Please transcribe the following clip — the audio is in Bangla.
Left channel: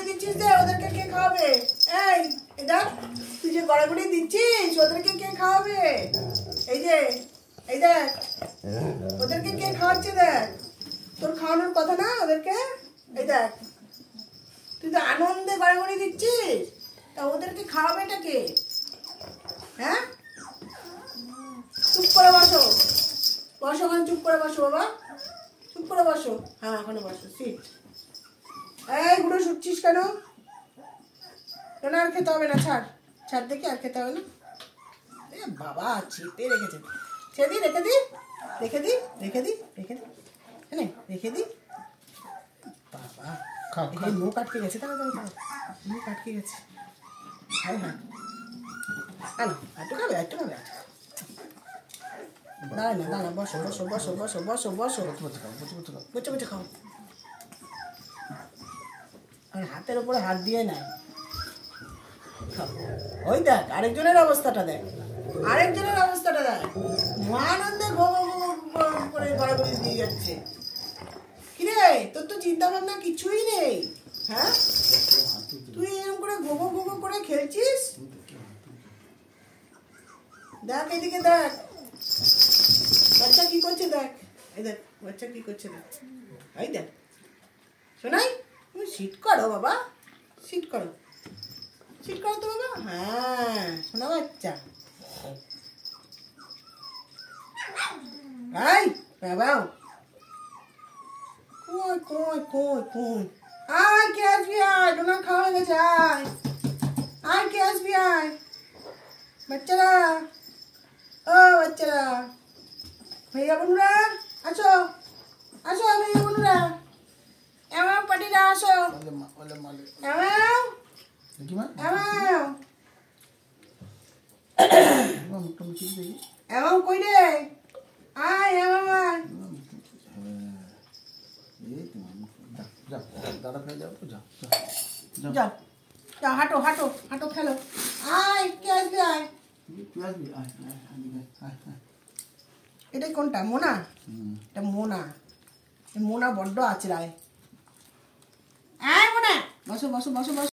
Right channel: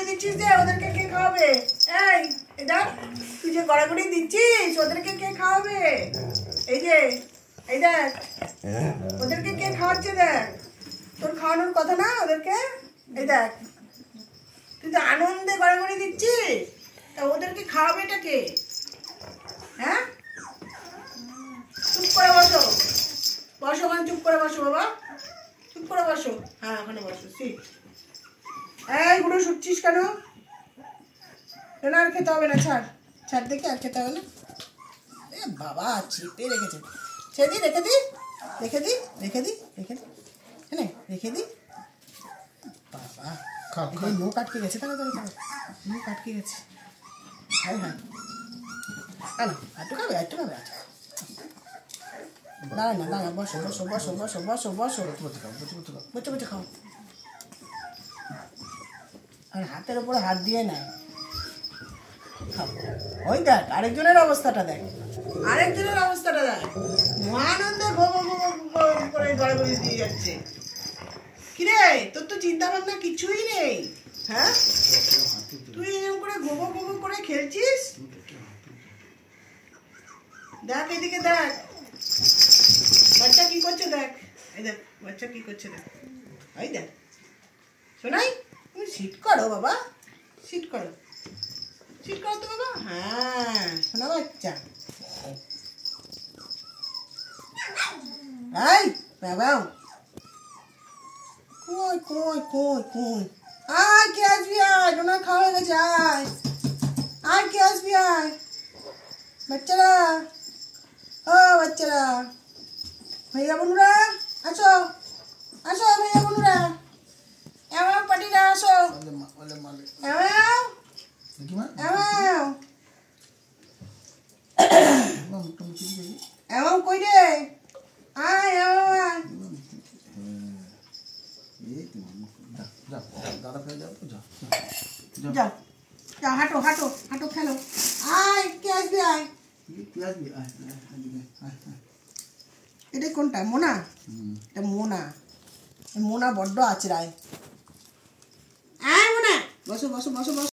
গড়াগড়ি দিচ্ছিস যে ওদেরকে কে খাওয়াবে? এই এটা তুই যে গড়াগড়ি দিচ্ছিস ওদেরকে কে খাওয়াবে? এই যে এই দেখ ওদেরকে কে খাওয়াচ্ছে দেখ। তোর খাওয়ানোর কথা না ওদেরকে। এই দেখ তুই যে আনন্দে গড়াগড়ি দিচ্ছিস, তা ওদেরকে খাওয়াবেটা কে? হ্যাঁ, চুপ করে বসো, বসো ওখানে, চুপ করে বসো বাবা, চুপ করে বসো। হ্যাঁ ওখানে বসো, সিট। এই বুড়ো শুটছিস কেন? আর খেতে হবে না, ছাড় ছাড়, দেখি আর খেতে হবে না। এ বাবা চেপে রেখেছে, ছেড়ে দি, রেখে দি, রেখে দি, রেখে দি, রেখে দি, হ্যাঁ রেখে দি। বাবা মুখ আটকে গেছে, তাহলে তাহলে মুখ আটকে গেছে। হ্যাঁ হ্যাঁ আনো, একটু খাবে, একটু খাবে। দাঁড়া না, দাঁড়া, বসো বসো বসো বসো বসো বসো, বসে বসে খাও। আর হাতের উপরে হাত দিয়ে নাই। ওই দেখ আরেকজনের অবস্থাটা দেখ, আরেকজনের অবস্থাটা দেখ, আনন্দে করে গড়াগড়ি দিয়ে যাচ্ছে। কিরে তোর তো চিন্তা ভাবনা কিছুই নেই, হ্যাঁ? তুই এরকম করে গোবো গোবো করে খেলছিস। দেখ এদিকে দেখ, বাচ্চা কি করছে দেখ, এই দেখ বাচ্চা কি করছে দেখ, এই দেখ। শোনাই, তুমি সিট করো বাবা, সিট করো, সিট করো তো বাবা। হ্যাঁ শোনা বাচ্চা, এই বাবা কই কই কই কই, আয় কে আসবি, আয় ডোনা খাওয়া হয়ে গেছে, আয় আয় কে আসবি, আয় বাচ্চারা, ও বাচ্চারা, ভাইয়া বোনরা আসো, আসো ভাইয়া বোনরা, এমন পাটিরা আসো, এমন কই রে, আয় আয়, যাও যাও, হাঁটো হাঁটো হাঁটো, খেলো, আয় কে আসবি, আয়। এটা কোনটা, মোনা? এটা মোনা, মোনা বড্ড আচড়ায়। আয় মোনা, বসো বসো বসো বসো।